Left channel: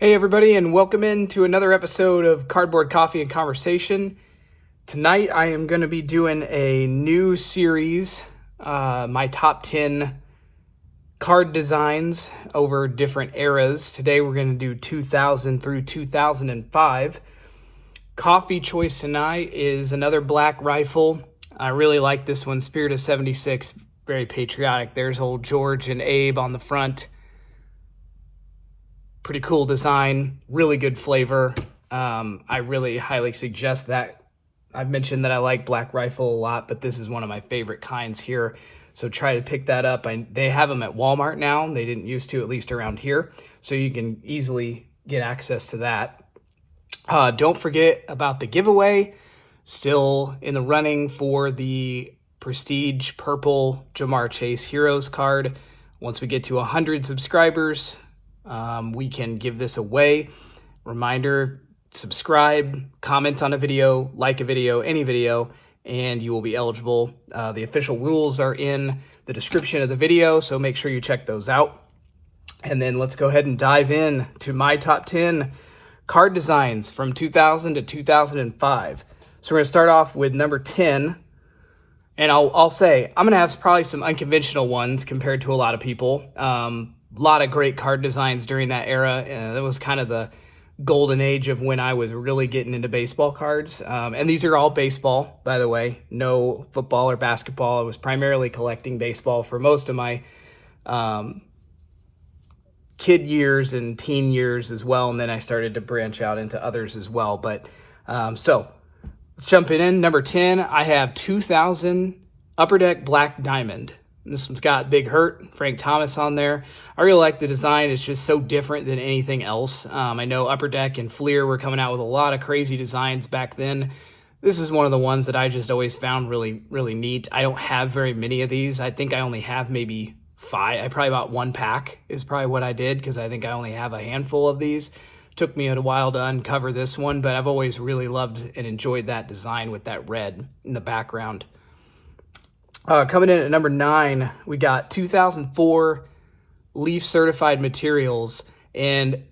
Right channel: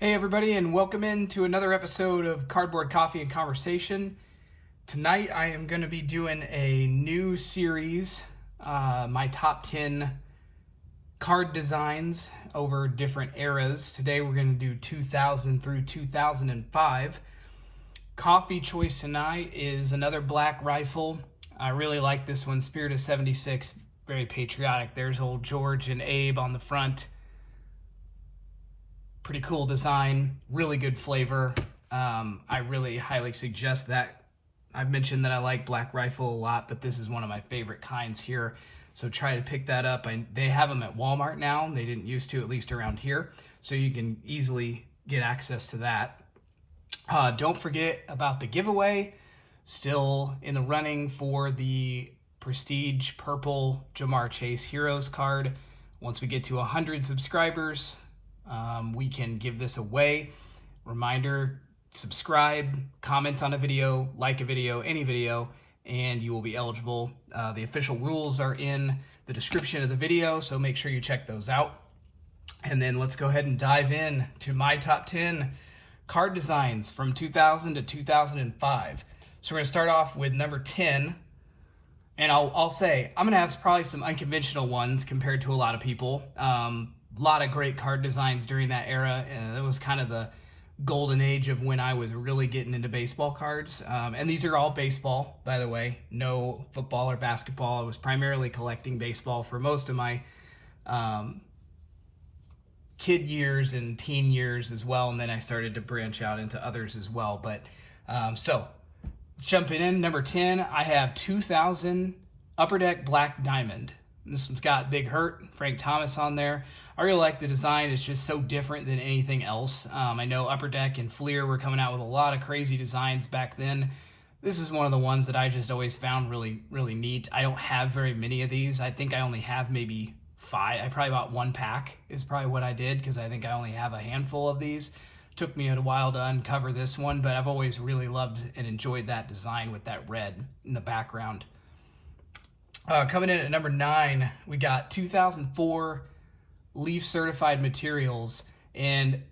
Hey everybody, and welcome into another episode of Cardboard Coffee and Conversation. Tonight I am going to be doing a new series, my top 10 card designs over different eras. Today we're going to do 2000 through 2005. Coffee choice tonight is another Black Rifle. I really like this one, Spirit of 76, very patriotic. There's old George and Abe on the front. Pretty cool design, really good flavor. I really highly suggest that. I've mentioned that I like Black Rifle a lot, but this is one of my favorite kinds here. So try to pick that up. They have them at Walmart now. They didn't used to, at least around here. So you can easily get access to that. Don't forget about the giveaway. Still in the running for the Prestige Purple Jamar Chase Heroes card. Once we get to 100 subscribers, we can give this away. Reminder, subscribe, comment on a video, like a video, any video, and you will be eligible. The official rules are in the description of the video, so make sure you check those out. And then let's go ahead and dive in to my top 10 card designs from 2000 to 2005. So we're going to start off with number 10. And I'll say, I'm going to have probably some unconventional ones compared to a lot of people. A lot of great card designs during that era. That was kind of the golden age of when I was really getting into baseball cards. And these are all baseball, by the way, no football or basketball. I was primarily collecting baseball for most of my kid years and teen years as well. And then I started to branch out into others as well. But so let's jump in. Number 10, I have 2000 Upper Deck Black Diamond. This one's got Big Hurt, Frank Thomas on there. I really like the design. It's just so different than anything else. I know Upper Deck and FLIR were coming out with a lot of crazy designs back then. This is one of the ones that I just always found really, really neat. I don't have very many of these. I think I only have maybe 5. I probably bought 1 pack is probably what I did, because I think I only have a handful of these. Took me a while to uncover this one, but I've always really loved and enjoyed that design with that red in the background. Coming in at number 9, we got 2004 Leaf Certified Materials, and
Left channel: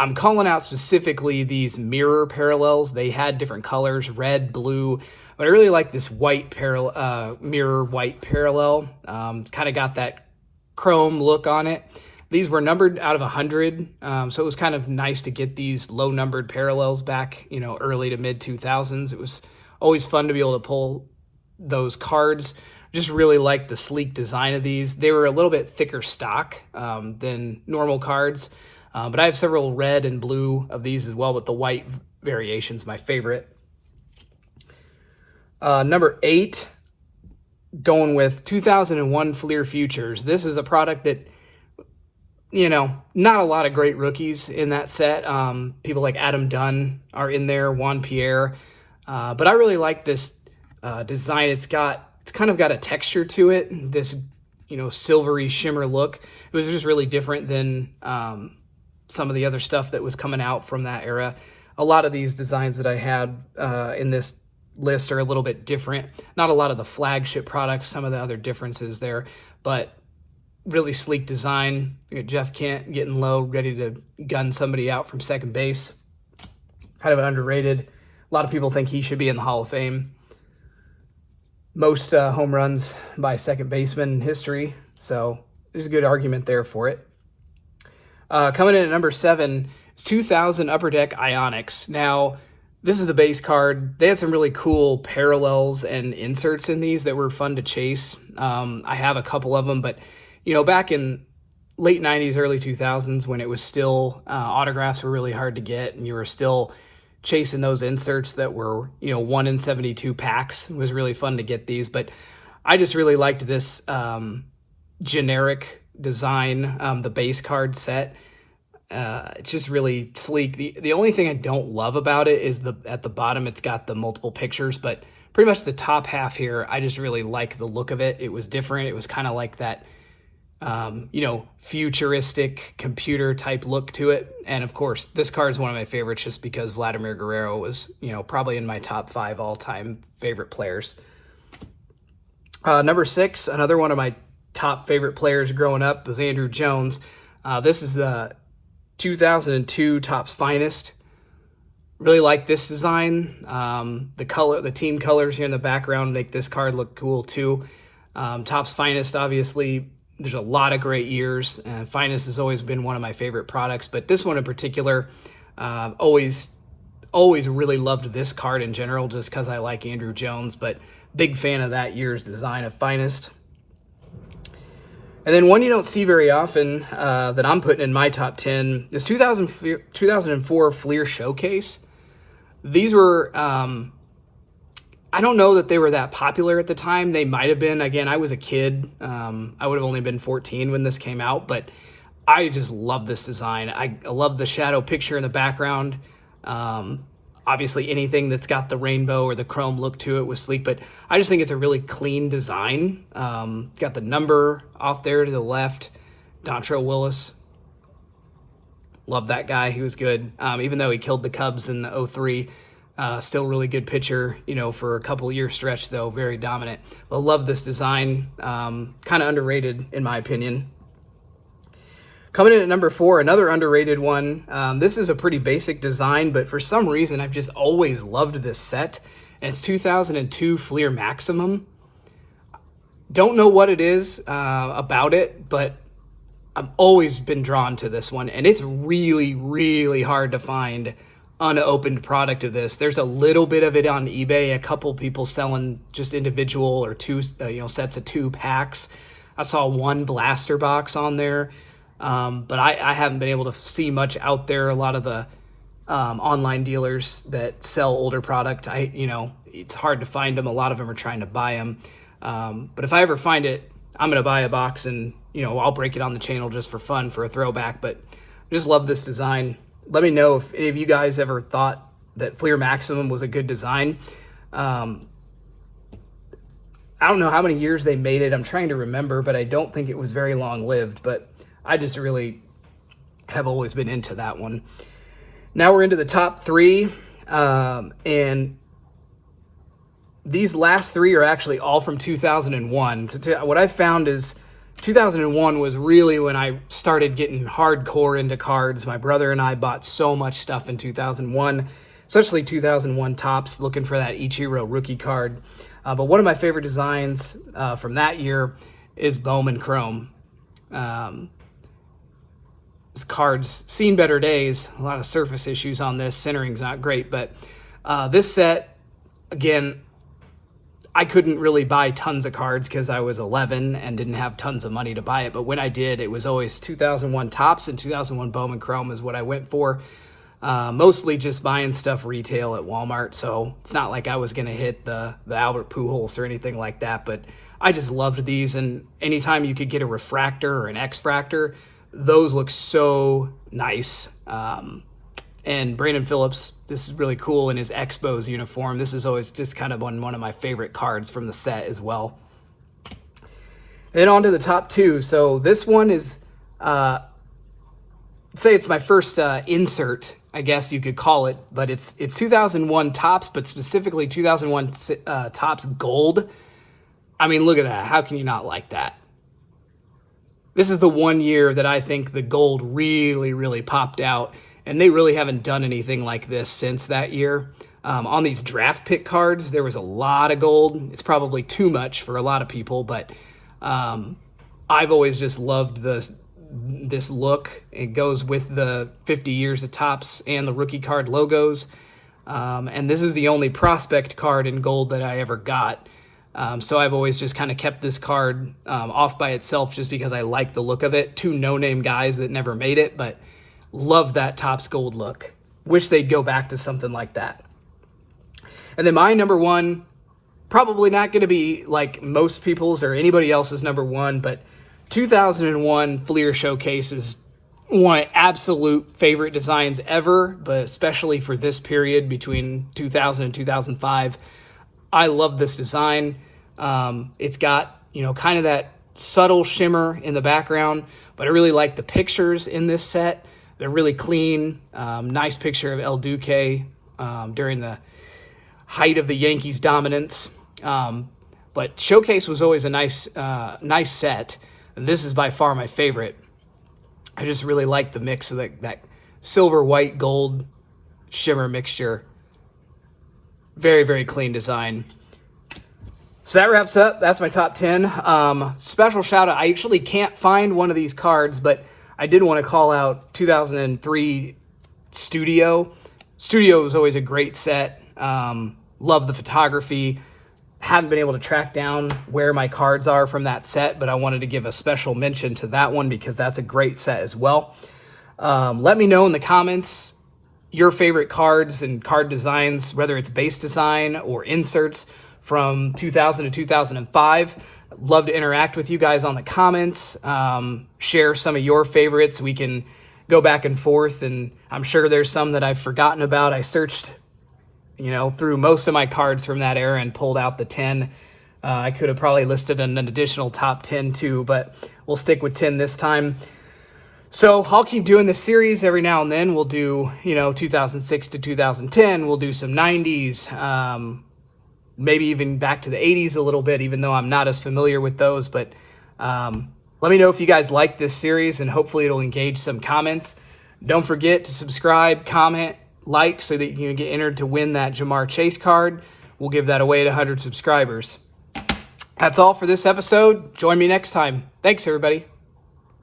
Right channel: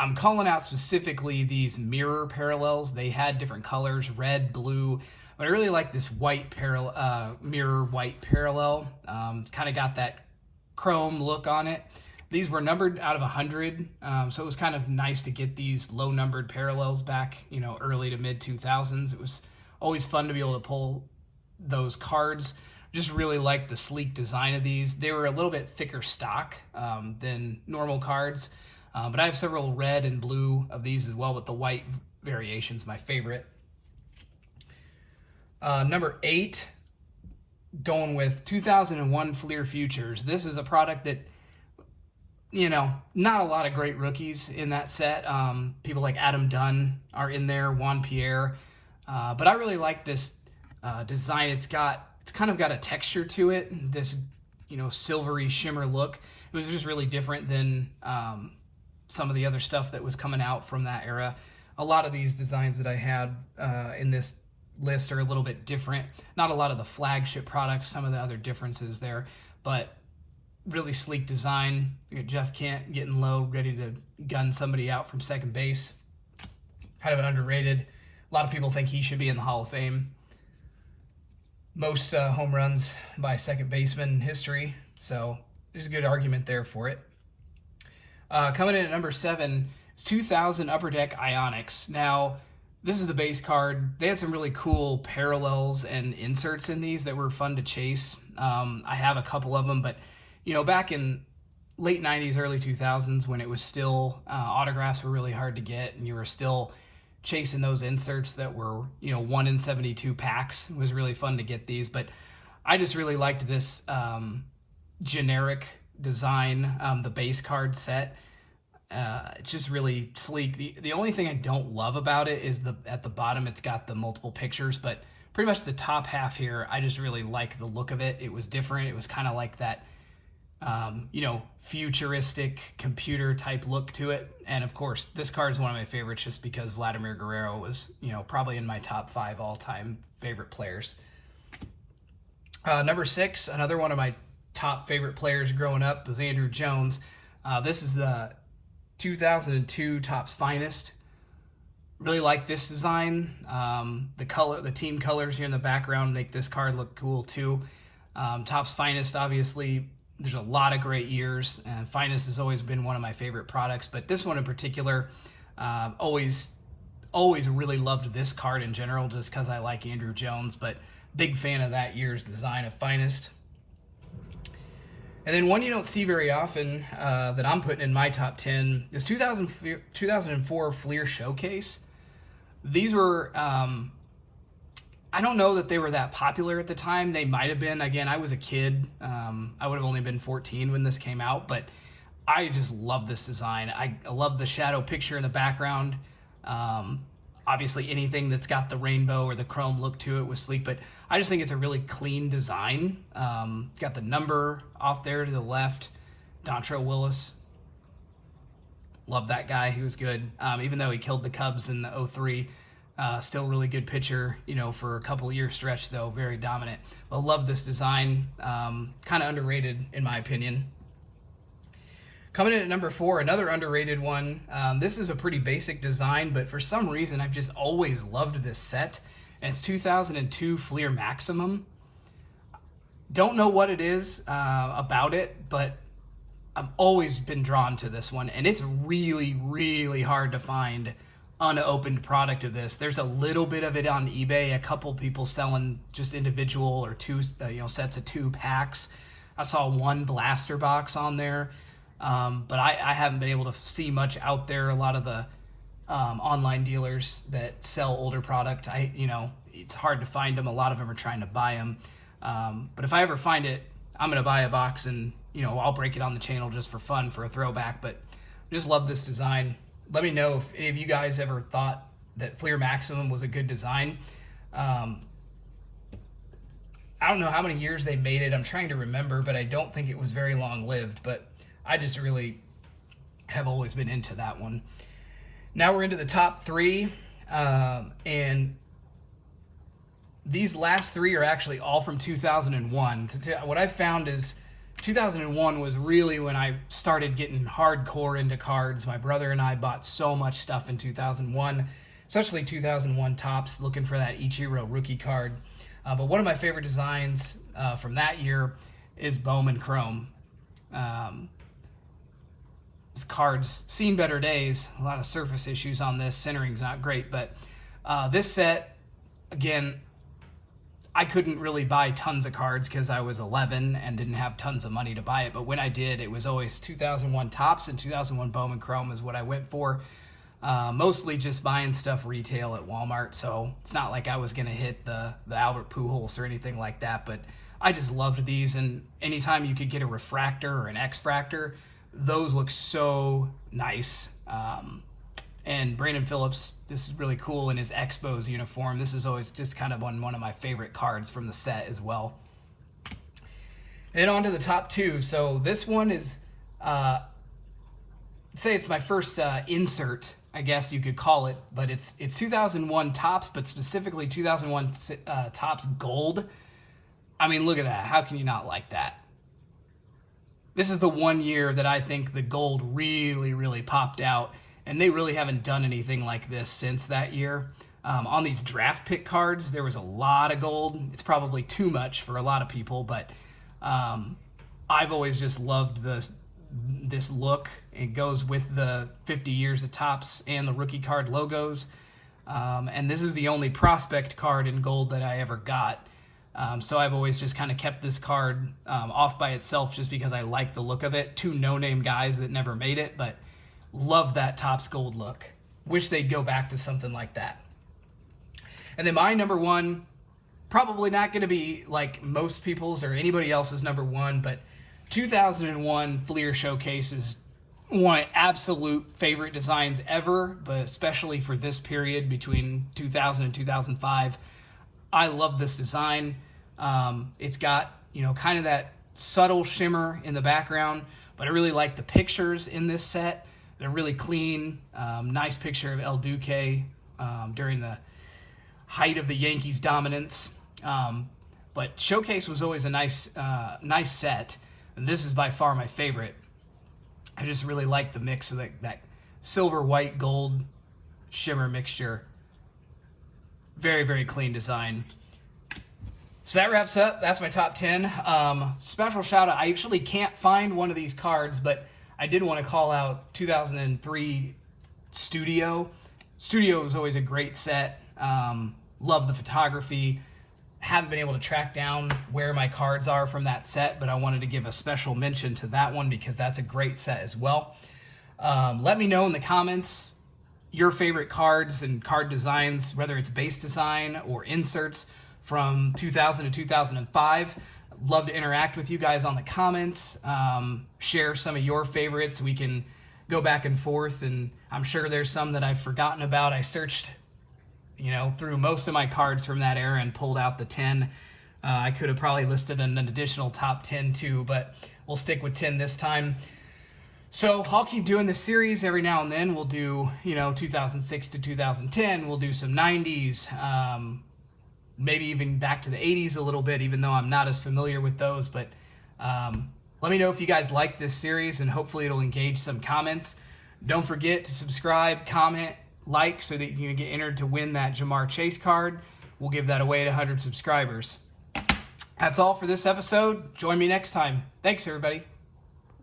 I'm calling out specifically these mirror parallels. They had different colors, red, blue, but I really like this white mirror white parallel. Kind of got that chrome look on it. These were numbered out of 100, so it was kind of nice to get these low numbered parallels back, early to mid 2000s. It was always fun to be able to pull those cards. Just really like the sleek design of these. They were a little bit thicker stock than normal cards, but I have several red and blue of these as well, but the white variation's my favorite. Number 8, going with 2001 FLIR Futures. This is a product that, not a lot of great rookies in that set. People like Adam Dunn are in there, Juan Pierre, but I really like this design. It's kind of got a texture to it, this silvery shimmer look. It was just really different than some of the other stuff that was coming out from that era. A lot of these designs that I had in this list are a little bit different. Not a lot of the flagship products, some of the other differences there, but really sleek design. You got Jeff Kent getting low, ready to gun somebody out from second base. Kind of underrated. A lot of people think he should be in the Hall of Fame. Most home runs by second baseman in history, so there's a good argument there for it. Coming in at number 7 is 2000 Upper Deck Ionix. Now, this is the base card. They had some really cool parallels and inserts in these that were fun to chase. I have a couple of them, but back in late 90s, early 2000s, when it was still autographs were really hard to get, and you were still chasing those inserts that were 1 in 72 packs. It was really fun to get these, but I just really liked this generic design, the base card set. It's just really sleek. The only thing I don't love about it is at the bottom it's got the multiple pictures, but pretty much the top half here, I just really like the look of it. It was different. It was kind of like that futuristic computer type look to it. And of course, this card is one of my favorites just because Vladimir Guerrero was, probably in my top 5 all-time favorite players. Number 6, another one of my top favorite players growing up was Andrew Jones. This is the 2002 Topps Finest. Really like this design. The team colors here in the background make this card look cool too. Topps Finest, obviously, there's a lot of great years. Finest has always been one of my favorite products, but this one in particular, always really loved this card in general, just because I like Andrew Jones. But big fan of that year's design of Finest. And then one you don't see very often that I'm putting in my top 10 is 2004 FLIR Showcase. These were, I don't know that they were that popular at the time. They might have been. Again, I was a kid. I would have only been 14 when this came out, but I just love this design. I love the shadow picture in the background. Obviously, anything that's got the rainbow or the chrome look to it was sleek, but I just think it's a really clean design. Got the number off there to the left, Dontrelle Willis. Love that guy. He was good. Even though he killed the Cubs in the 03, still really good pitcher, for a couple year stretch, though, very dominant. But love this design. Kind of underrated, in my opinion. Coming in at number 4, another underrated one. This is a pretty basic design, but for some reason, I've just always loved this set. And it's 2002 FLIR Maximum. Don't know what it is about it, but I've always been drawn to this one, and it's really, really hard to find unopened product of this. There's a little bit of it on eBay, a couple people selling just individual or two, sets of 2 packs. I saw one blaster box on there, but I haven't been able to see much out there. A lot of the online dealers that sell older product, it's hard to find them. A lot of them are trying to buy them, but if I ever find it, I'm going to buy a box and, I'll break it on the channel just for fun, for a throwback. But I just love this design. Let me know if any of you guys ever thought that FLIR Maximum was a good design. I don't know how many years they made it. I'm trying to remember, but I don't think it was very long-lived. But I just really have always been into that one. Now we're into the top 3. And these last 3 are actually all from 2001. What I found is 2001 was really when I started getting hardcore into cards. My brother and I bought so much stuff in 2001, especially 2001 Topps, looking for that Ichiro rookie card. But one of my favorite designs from that year is Bowman Chrome. This card's seen better days. A lot of surface issues on this. Centering's not great, but this set, again, I couldn't really buy tons of cards because I was 11 and didn't have tons of money to buy it. But when I did, it was always 2001 Topps and 2001 Bowman Chrome is what I went for. Mostly just buying stuff retail at Walmart. So it's not like I was going to hit the Albert Pujols or anything like that. But I just loved these. And anytime you could get a refractor or an X-fractor, those look so nice. And Brandon Phillips, this is really cool in his Expos uniform. This is always just kind of one of my favorite cards from the set as well. Then on to the top 2. So this one is, say it's my first insert, I guess you could call it, but it's 2001 Topps, but specifically 2001 Topps Gold. I mean, look at that. How can you not like that? This is the one year that I think the gold really, really popped out. And they really haven't done anything like this since that year. On these draft pick cards, there was a lot of gold. It's probably too much for a lot of people, but I've always just loved this look. It goes with the 50 years of Topps and the rookie card logos. And this is the only prospect card in gold that I ever got. So I've always just kind of kept this card off by itself just because I like the look of it. 2 no-name guys that never made it, but love that Topps Gold look. Wish they'd go back to something like that. And then my number 1, probably not going to be like most people's or anybody else's number 1, but 2001 FLIR Showcase is one of my absolute favorite designs ever, but especially for this period between 2000 and 2005. I love this design. It's got, kind of that subtle shimmer in the background, but I really like the pictures in this set. They're really clean. Nice picture of El Duque during the height of the Yankees' dominance. But Showcase was always a nice set, and this is by far my favorite. I just really like the mix of that silver, white, gold shimmer mixture. Very, very clean design. So that wraps up. That's my top 10. Special shout out. I actually can't find one of these cards, but I did want to call out 2003 Studio. Studio was always a great set. Love the photography. Haven't been able to track down where my cards are from that set, but I wanted to give a special mention to that one because that's a great set as well. Let me know in the comments your favorite cards and card designs, whether it's base design or inserts from 2000 to 2005. I'd love to interact with you guys on the comments. Share some of your favorites. We can go back and forth, and I'm sure there's some that I've forgotten about. I searched, through most of my cards from that era and pulled out the 10. I could have probably listed an additional top 10 too, but we'll stick with 10 this time. So I'll keep doing this series every now and then. We'll do, 2006 to 2010. We'll do some 90s, maybe even back to the 80s a little bit, even though I'm not as familiar with those. But let me know if you guys like this series, and hopefully it'll engage some comments. Don't forget to subscribe, comment, like, so that you can get entered to win that Jamar Chase card. We'll give that away to 100 subscribers. That's all for this episode. Join me next time. Thanks, everybody.